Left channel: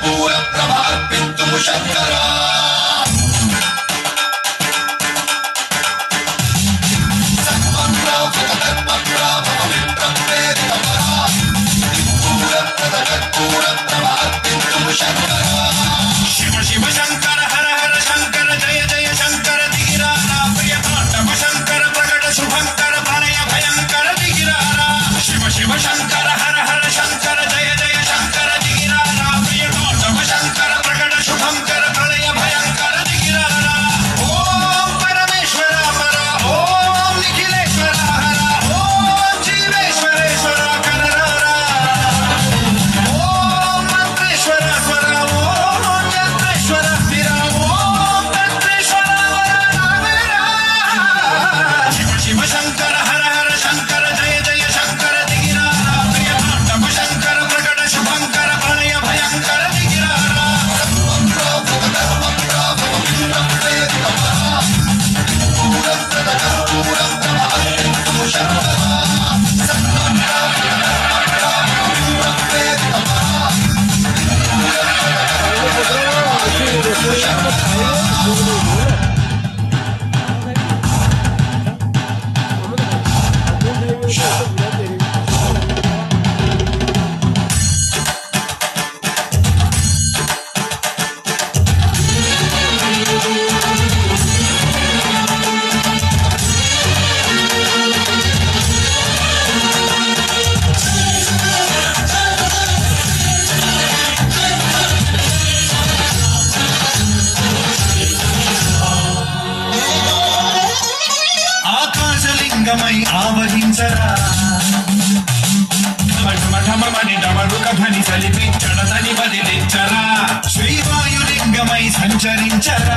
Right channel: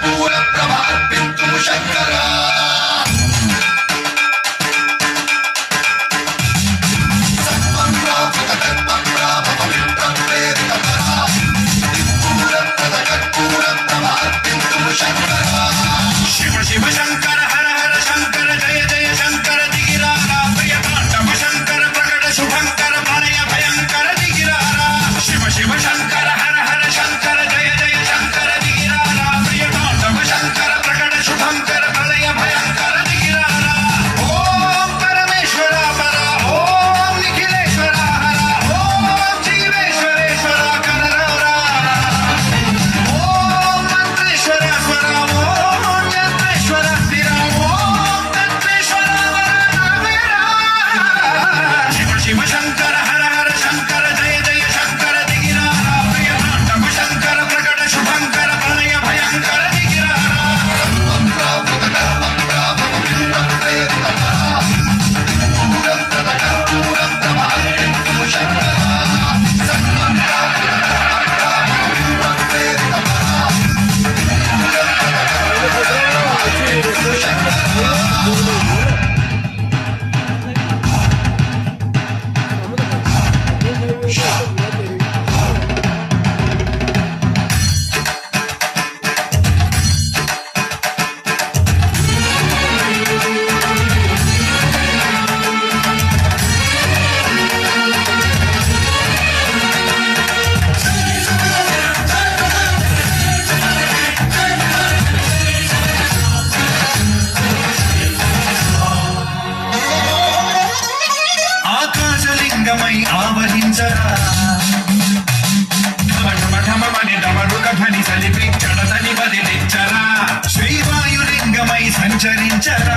కర్పూర ప్రభార్పింతు శంకరా శివ శివ శంకర హర హర శంకర జయ జయ శంకర దిగిరారా ప్రియతాండవ శంకర ప్రకట శుభంకర ప్రళయ భయంకర దిగిరారా శివ శివ శంకర హర హర శంకర జయ జయ శంకర దిగిరారా ప్రియతాండవ శంకర ప్రకట శుభంకర ప్రళయ భయంకర దిగిరారా ఓం పరమేశ్వర పర ఓం నిఖిలేశ్వర హర ఓం జీవేశ్వరేశ్వర కరరా ఓం మంత్రేశ్వర స్వర ఓం చంద్రేశ్వర స్థిర ఓం తత్వేశ్వర వరదావేరా శివ శివ శంకర హర హర శంకర జయ జయ శంకర దిగిరారా ప్రియతాండవ శంకర ప్రకట శుభంకర ప్రళయ భయంకర దిగిరారా ఆకాశలింగమై ఆవరించరా ఢమఢమఢమని డమరుక ధ్వని సలిపించడతని బదిలించరా శ్రీవాయులింగమై సంచరించరా